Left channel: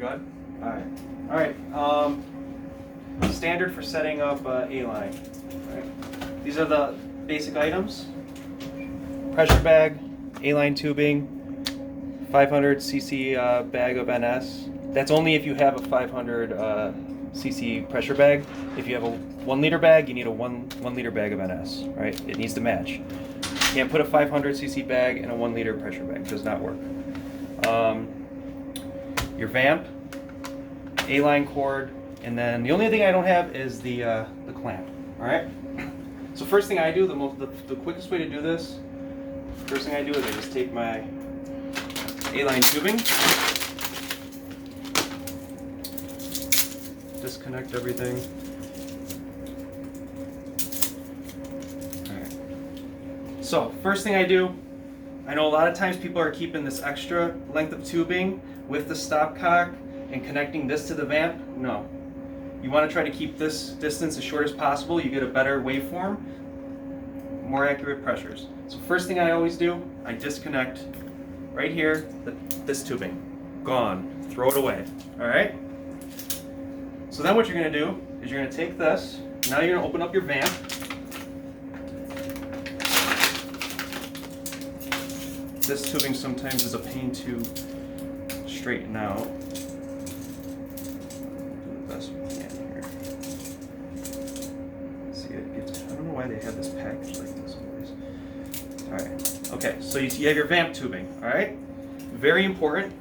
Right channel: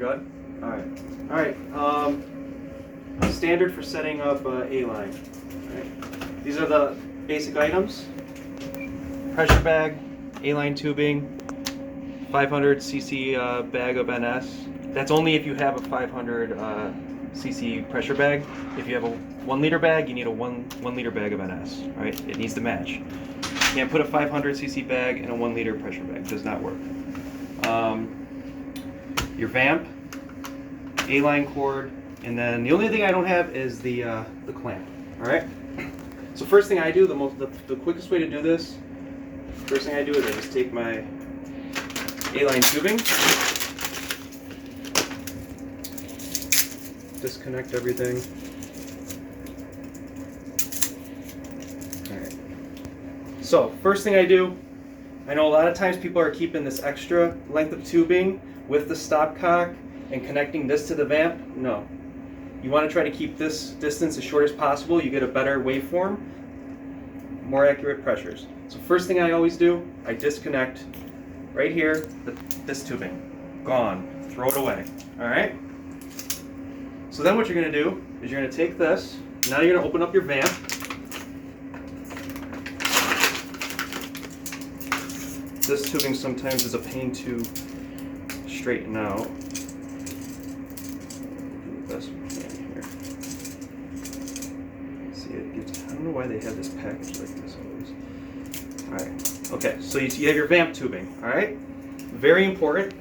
Good? Alright. Alright. Standard for setting up A-line. Right. These are the basic items. Pressure bag, A-line tubing, 500 cc bag of NS. That's only if you have a 500 cc pressure bag. If you have a 1 liter bag, you need a 1 liter bag of NS. Right? It needs to match. You can't put a 500 cc bag in a 1 liter pressure bag. It does not work. Your vamp, A-line cord, and then the only thing I don't have is the clamp. All right. So first thing I do, the quickest way to do this, first thing I do is I just take my A-line tubing, disconnect everything. All right. So first thing I do, I know a lot of times people are keeping this extra length of tubing with the stopcock and connecting this to the vamp. No. You want to try to keep this distance as short as possible. You get a better waveform, more accurate pressures. So first thing I always do, I disconnect right here, this tubing. Gone. Throw it away. All right? So then what you're going to do is you're going to take this. Now you're going to open up your vamp. This tubing sometimes is a pain to straighten out. Do the best we can here. See, it gets, I don't know why they have this package like this always. Alright, okay, so you have your vamp tubing, alright? Very important,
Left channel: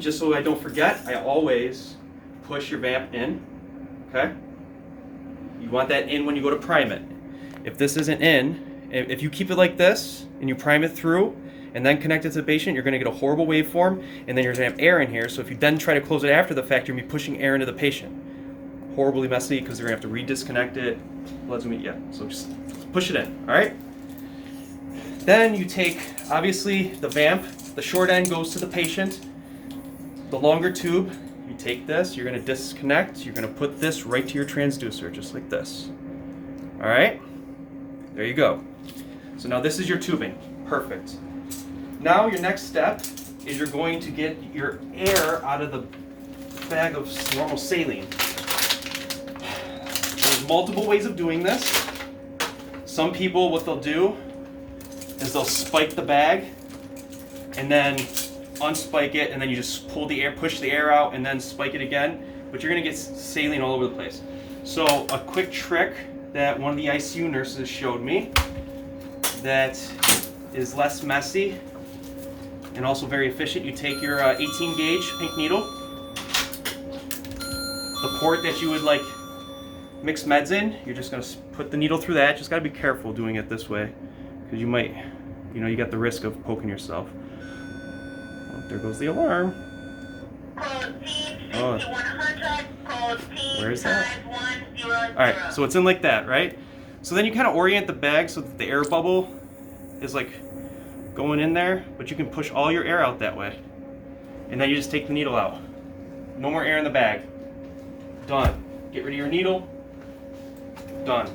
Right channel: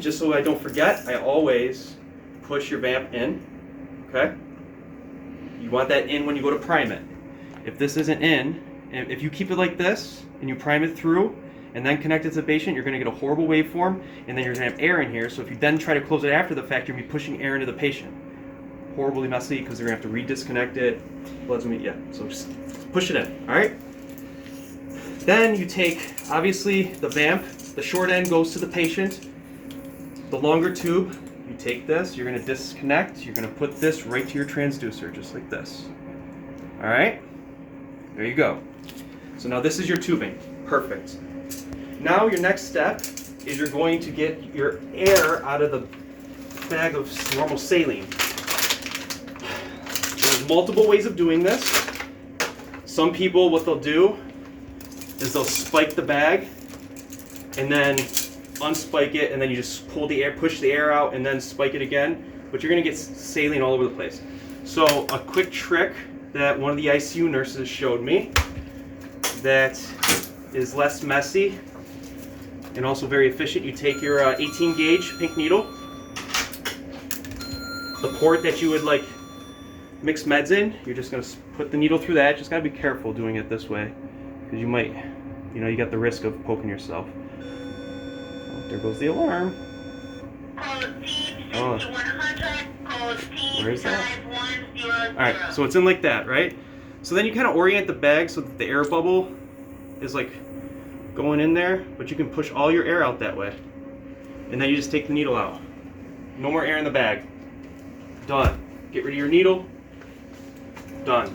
just so I don't forget, I always push your vamp in, okay? You want that in when you go to prime it. If this isn't in, if you keep it like this and you prime it through, and then connect it to the patient, you're going to get a horrible waveform, and then you're going to have air in here. So if you then try to close it after the fact, you're going to be pushing air into the patient. Horribly messy because they're going to have to re-disconnect it. Blood's going to be, yeah, so just push it in, all right? Then you take, obviously, the vamp. The short end goes to the patient. The longer tube, you take this, you're going to disconnect. You're going to put this right to your transducer, just like this. All right? There you go. So now this is your tubing. Perfect. Now your next step is you're going to get your air out of the bag of normal saline. There's multiple ways of doing this. Some people, what they'll do is they'll spike the bag and then unspike it, and then you just pull the air, push the air out, and then spike it again. But you're gonna get saline all over the place. So a quick trick that one of the ICU nurses showed me that is less messy and also very efficient. You take your 18 gauge pink needle, the port that you would like mix meds in, you're just going to put the needle through that. Just got to be careful doing it this way because you might, you got the risk of poking yourself. Oh, there goes the alarm. Oh, where is that? Alright, so it's in like that, right? So then you kind of orient the bag so that the air bubble is like going in there, but you can push all your air out that way. And then you just take the needle out. No more air in the bag. Done. Get rid of your needle. Done.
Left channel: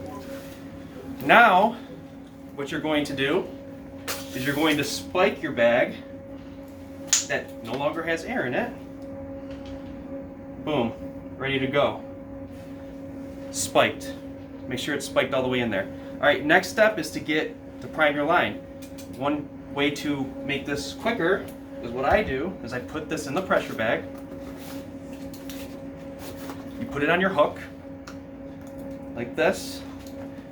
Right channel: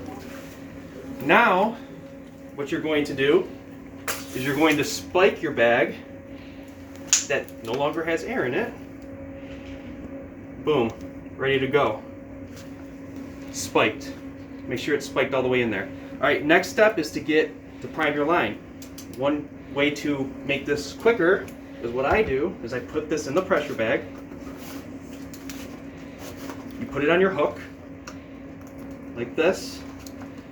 Now, what you're going to do is you're going to spike your bag that no longer has air in it. Boom. Ready to go. Spiked. Make sure it's spiked all the way in there. Alright, next step is to prime your line. One way to make this quicker is what I do is I put this in the pressure bag. You put it on your hook like this.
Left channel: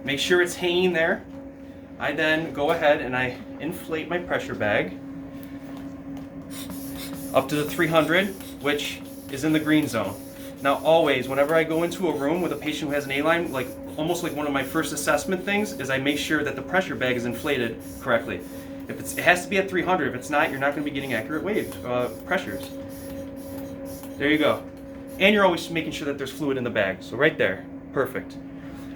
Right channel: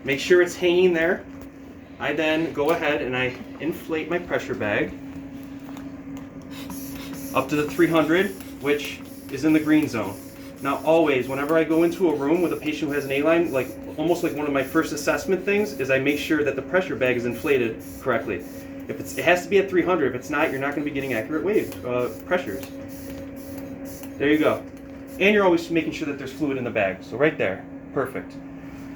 Make sure it's hanging there. I then go ahead and I inflate my pressure bag up to the 300, which is in the green zone. Now always, whenever I go into a room with a patient who has an A-line, like almost like one of my first assessment things is I make sure that the pressure bag is inflated correctly. It has to be at 300. If it's not, you're not going to be getting accurate pressures. There you go. And you're always making sure that there's fluid in the bag. So right there. Perfect.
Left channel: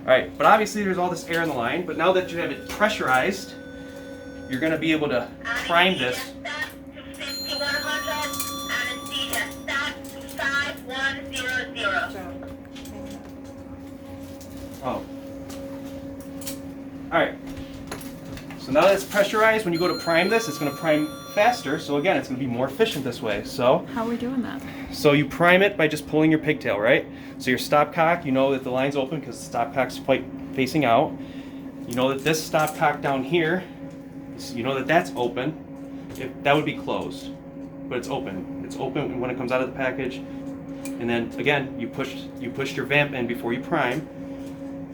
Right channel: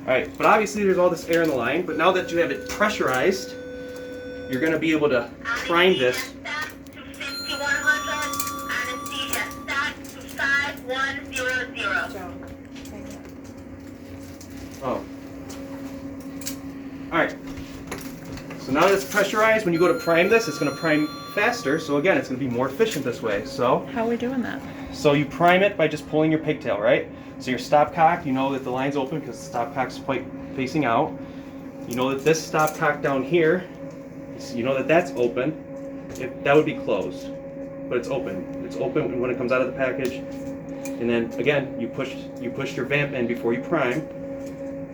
All right, but obviously there's all this air in the line, but now that you have it pressurized, you're going to be able to prime this. Oh. All right. So now that it's pressurized, when you go to prime this, it's going to prime faster. So again, it's going to be more efficient this way. So how are we doing that? So you prime it by just pulling your pigtail, right? So your stopcock, you know that the line's open because the stopcock's facing out. You know that this stopcock down here, you know that that's open. That would be closed, but it's open. It's open when it comes out of the package. And then again, you pushed your vamp in before you prime,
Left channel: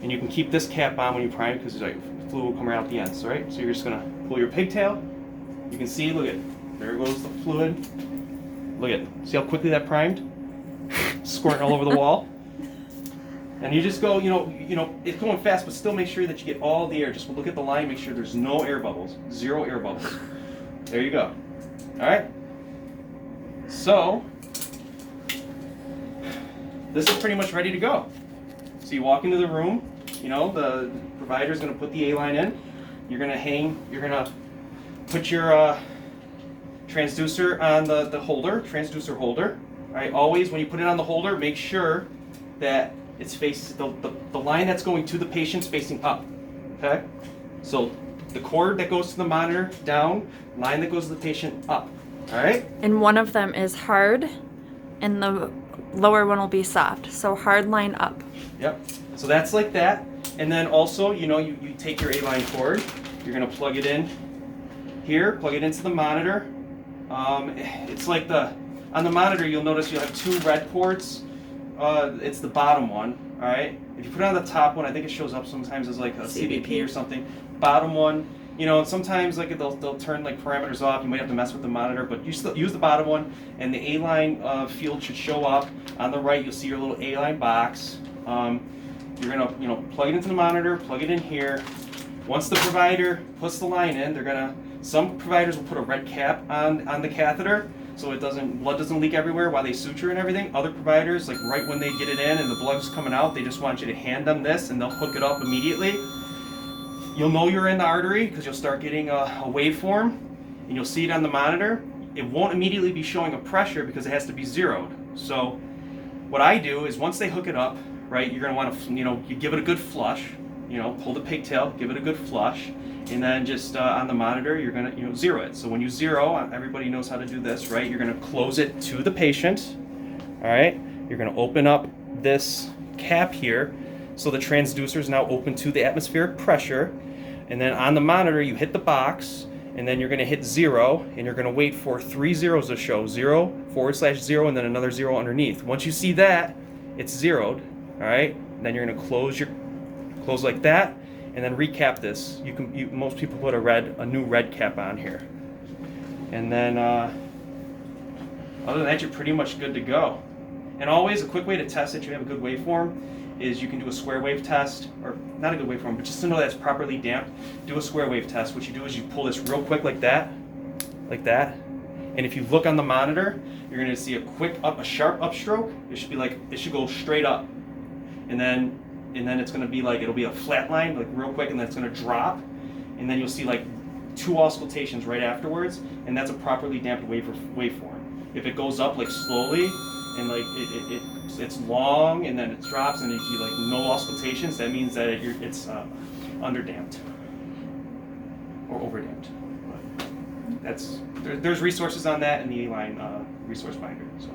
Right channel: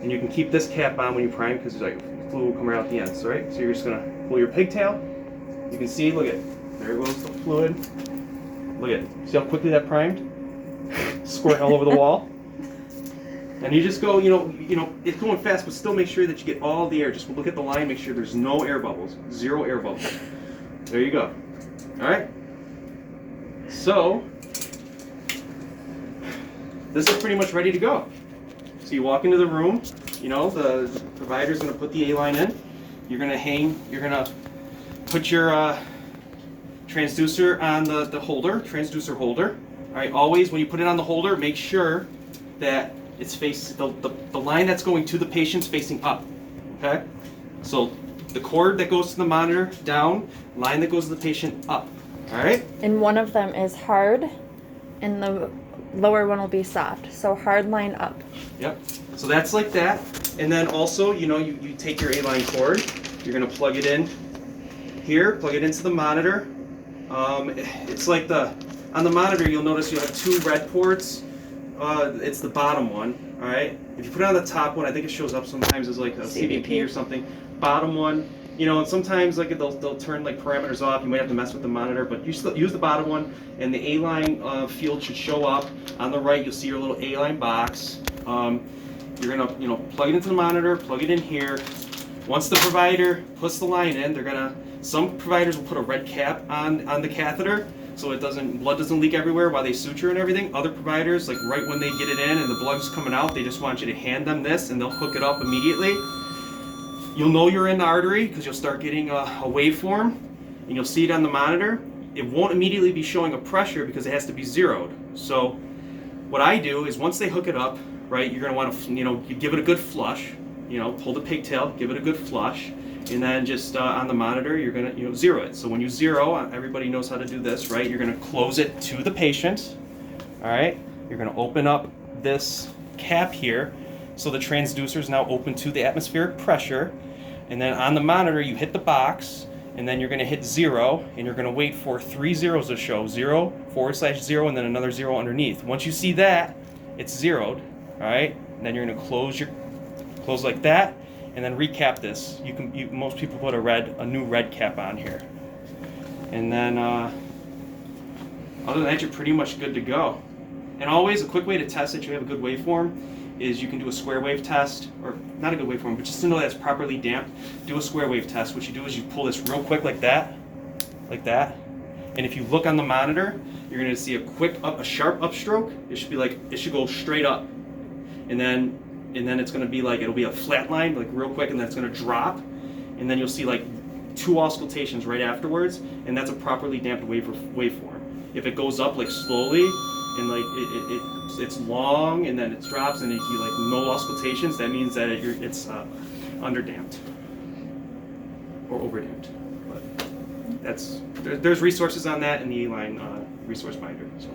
and you can keep this cap on when you prime because like fluid will come right out the ends, right? So you're just gonna pull your pigtail. You can see, look at, there goes the fluid. Look at, see how quickly that primed? Squirting all over the wall. And you just go, you know, it's going fast, but still make sure that you get all the air. Just look at the line, make sure there's no air bubbles, 0 air bubbles. There you go. All right. So this is pretty much ready to go. So you walk into the room, you know, the provider's gonna put the A-line in. You're gonna put your transducer on the holder, transducer holder. All right, always when you put it on the holder, make sure that it's the line that's going to the patient's facing up, okay? So the cord that goes to the monitor down, line that goes to the patient up, all right? And one of them is hard, and the lower one will be soft. So hard line up. Yep, so that's like that. And then also, you know, you take your A-line cord, you're gonna plug it in here, plug it into the monitor. It's like on the monitor, you'll notice you have 2 red ports. It's the bottom one, all right? If you put it on the top one, I think it shows up sometimes as like a CBP or something. Bottom one, you know, sometimes like they'll turn like parameters off. You might have to mess with the monitor, but you still use the bottom one, and the A-line field should show up. On the right, you'll see your little A-line box. You're gonna, you know, plug it into the monitor, plug it in here. Once the provider puts the line in, some providers will put a red cap on the catheter so blood doesn't leak everywhere while they suture and everything. Other providers, like right when they get it in and the blood's coming out, they just want you to hand them this and they'll hook it up immediately. You'll know you're in the artery because you'll start getting a waveform, and you'll see it on the monitor. It won't immediately be showing a pressure because it has to be zeroed. So what I do is once they hook it up, right, you're gonna want to, you know, you give it a good flush, you know, pull the pigtail, give it a good flush, and then just on the monitor, you're gonna, you know, zero it. So when you zero, everybody knows how to do this, right? You're gonna close it to the patient, all right? You're gonna open up this cap here, so the transducer is now open to the atmospheric pressure, and then on the monitor, you hit the box, and then you're gonna hit 0, and you're gonna wait for 3 zeros to show, 0, /0, and then another 0 underneath. Once you see that, it's zeroed, all right? And then you're gonna close like that, and then recap this. Most people put a new red cap on here. And then, other than that, you're pretty much good to go. And always a quick way to test that you have a good waveform is you can do a square wave test, or not a good waveform, but just to know that it's properly damped, do a square wave test. What you do is you pull this real quick like that. And if you look on the monitor, you're gonna see a sharp upstroke. It should go straight up. And then it's gonna be like, it'll be a flat line, like real quick, and then it's gonna drop. And then you'll see like 2 auscultations right afterwards, and that's a properly damped waveform. If it goes up like slowly, and like it's long, and then it drops, and you see like no auscultations, that means that it's underdamped or overdamped. But there's resources on that in the A-line resource binder. So.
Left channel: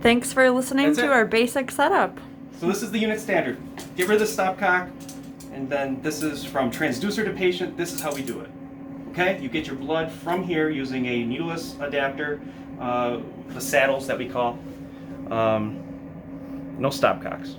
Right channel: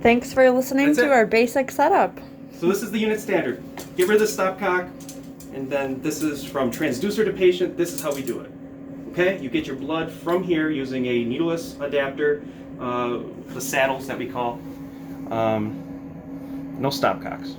Thanks for listening to our basic setup. So this is the unit standard. Get rid of the stopcock, and then this is from transducer to patient. This is how we do it. Okay, you get your blood from here using a needleless adapter, the saddles that we call. No stopcocks.